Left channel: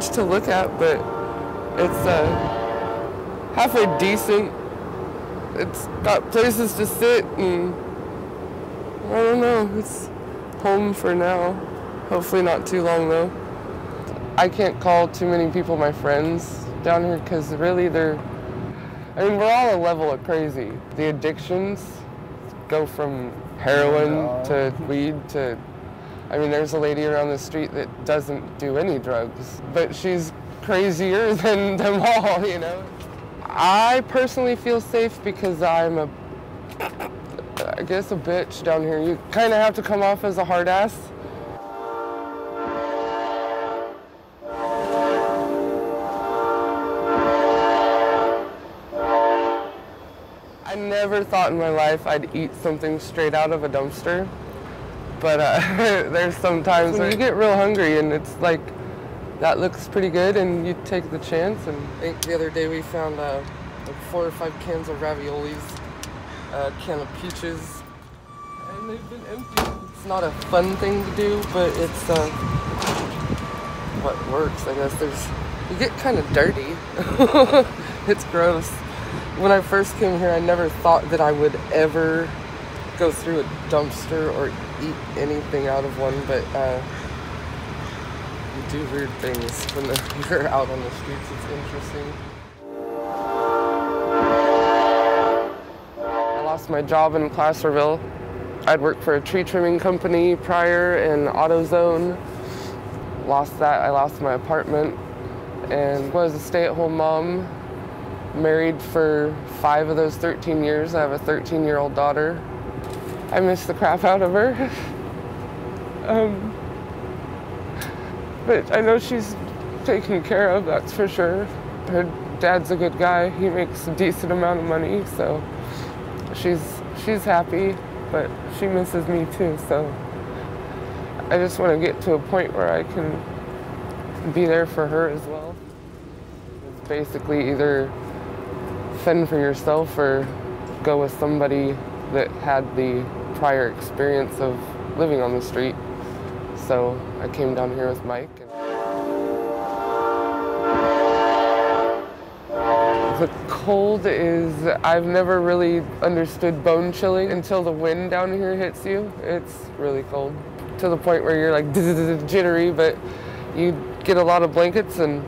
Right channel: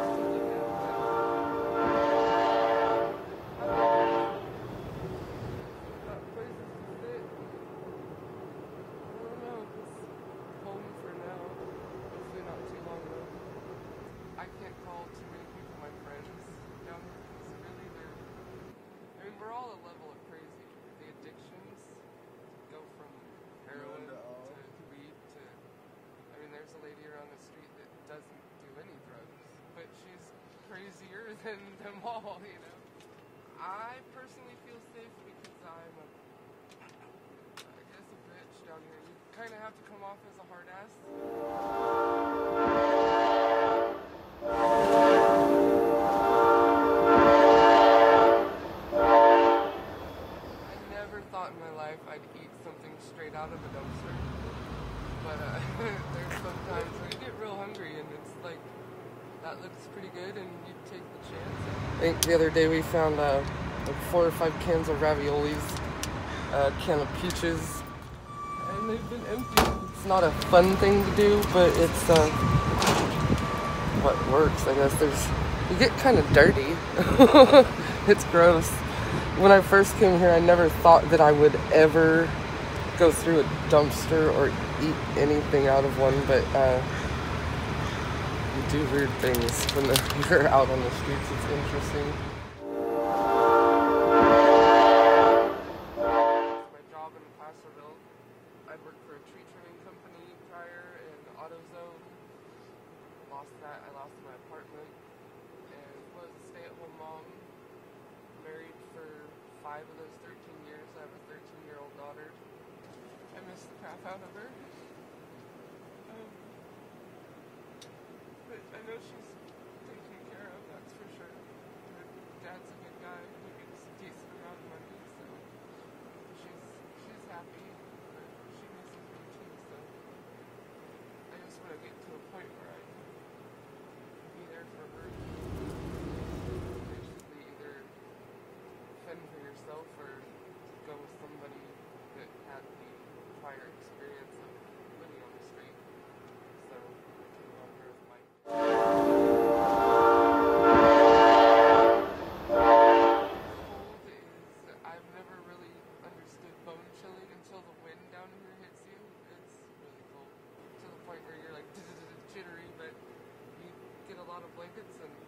much to look at, but it's halfway decent. It's got places to sit, and I don't know, it's home for now. Hopefully not too long though. I can't call too many people my friends down here because really we're all a level of crazy. The addictions go from heroin to weed to, there's a lady around the street that doesn't do any drugs, but she's crazier than them all, you know? I personally feel safe because I'm I guess a bitch down here. You kind of have to come off as a hard ass. I never thought in my life I'd eat something straight out of a dumpster, but there's some times when you get real hungry and it's like, that looks pretty good and you take the chance. And I think the other day we found like 4 or 5 cans of raviolis, a can of peaches, and they've been empty. It's not a fun thing to do, but it's what works, I guess. You get kind of dirty. It's gross. When I first came here, I never thought that I would ever go through a dumpster or eat anything out of one, but you do weird things when you're out on the streets. It's interesting. I lost my job in Placerville. I'd worked for a tree trimming company prior in AutoZone. Lost that. I lost my apartment and was a stay-at-home mom. Married for 5 of those 13 years. I have a 13-year-old daughter. I miss the crap out of her. But I know she's taken care of, that's for sure. Her dad's a good guy. He makes a decent amount of money, so she's happy, but she misses me too, so I just want to get to a point where I can be there for her as well. Basically either fend for yourself or go with somebody that had the prior experience of living on the street. So I came down here with Mike. The cold is, I've never really understood bone chilling until the wind down here hits you. It's really cold to the point where you're like jittery, but you get a lot of blankets and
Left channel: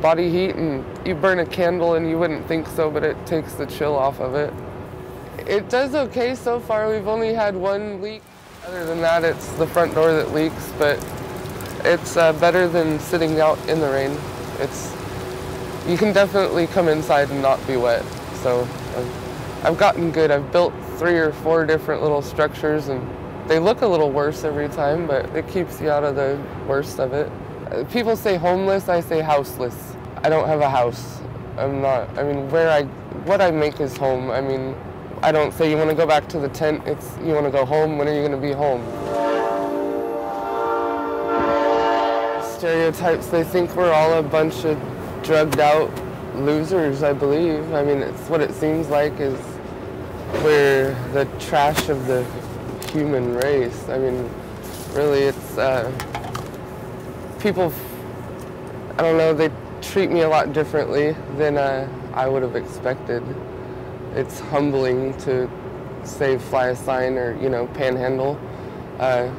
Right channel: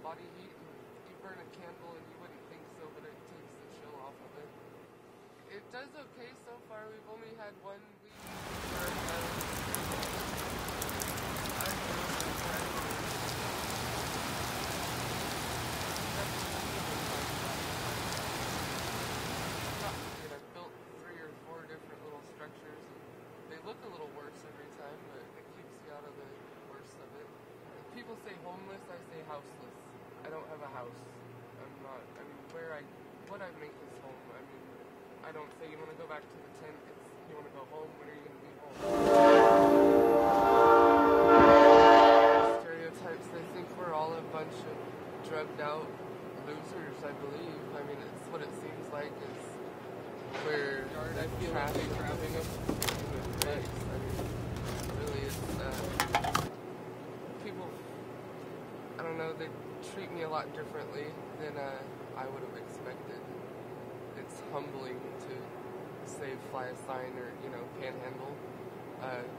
body heat and you burn a candle and you wouldn't think so, but it takes the chill off of it. It does okay so far. We've only had 1 leak. Other than that, it's the front door that leaks, but it's better than sitting out in the rain. You can definitely come inside and not be wet. So I've gotten good. I've built 3 or 4 different little structures, and they look a little worse every time, but it keeps you out of the worst of it. People say homeless, I say houseless. I don't have a house. What I make is home. I don't say you want to go back to the tent, it's you want to go home, when are you going to be home? Stereotypes, they think we're all a bunch of drugged out losers, I believe. It's what it seems like is we're the trash of the human race. Really it's, people, I don't know, they treat me a lot differently than I would have expected. It's humbling to say fly a sign or, panhandle. I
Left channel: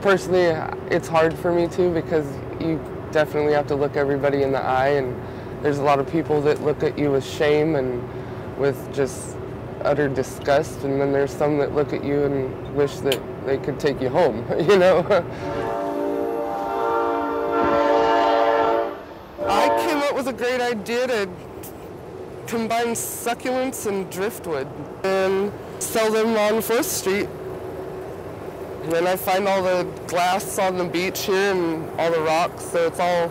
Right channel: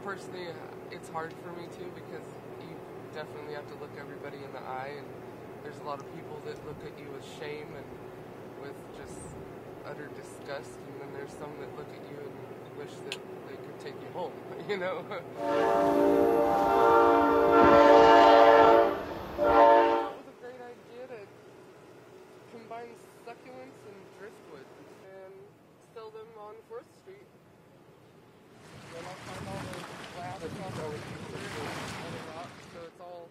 personally, it's hard for me too because you definitely have to look everybody in the eye, and there's a lot of people that look at you with shame and with just utter disgust, and then there's some that look at you and wish that they could take you home, I came up with a great idea to combine succulents and driftwood and sell them on 4th Street. And then I find all the glass on the beach here and all the rocks, so it's all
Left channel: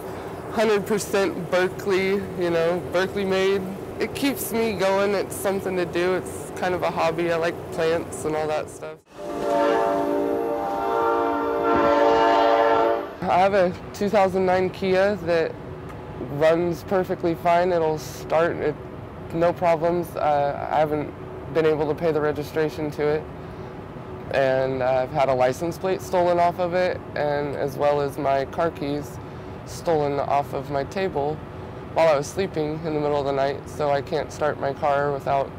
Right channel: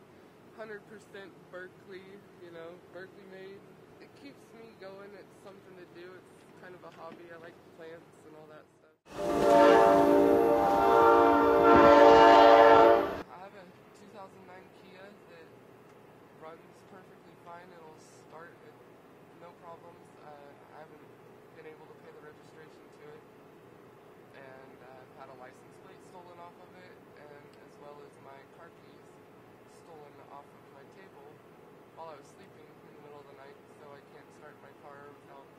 100% Berkeley, Berkeley made. It keeps me going, it's something to do, it's kind of a hobby. I like plants and all that stuff. I have a 2009 Kia that runs perfectly fine. It'll start, no problems. I haven't been able to pay the registration to it. And I've had a license plate stolen off of it, and as well as my car keys. stolen off of my table while I was sleeping in the middle of the night, so I can't start my car without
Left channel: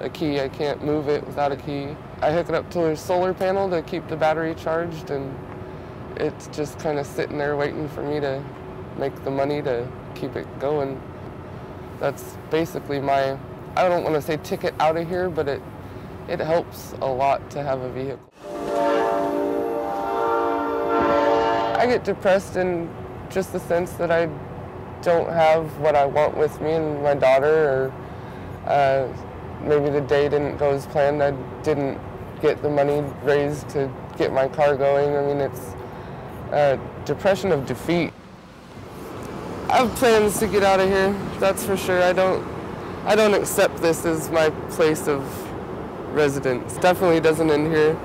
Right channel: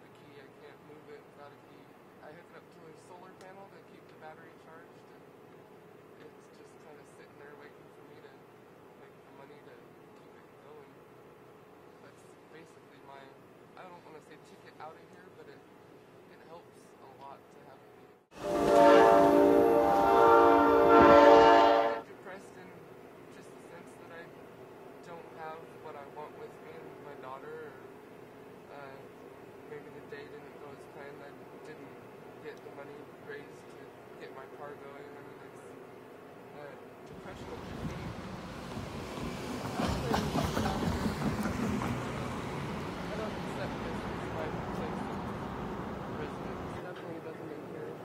a key. I can't move it without a key. I hook it up to a solar panel to keep the battery charged, and it's just kind of sitting there waiting for me to make the money to keep it going. That's basically my, I don't want to say ticket out of here, but it helps a lot to have a vehicle. I get depressed in just the sense that I don't have what I want with me and my daughter, or maybe the day didn't go as planned. I didn't get the money raised to get my car going. I mean, it's a depression of defeat. I have plans to get out of here, that's for sure. I don't accept this as my place of residence. Definitely doesn't end here,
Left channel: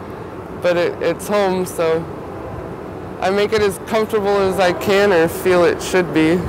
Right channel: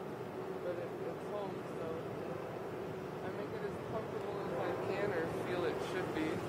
but it's home, so I make it as comfortable as I can or feel it should be.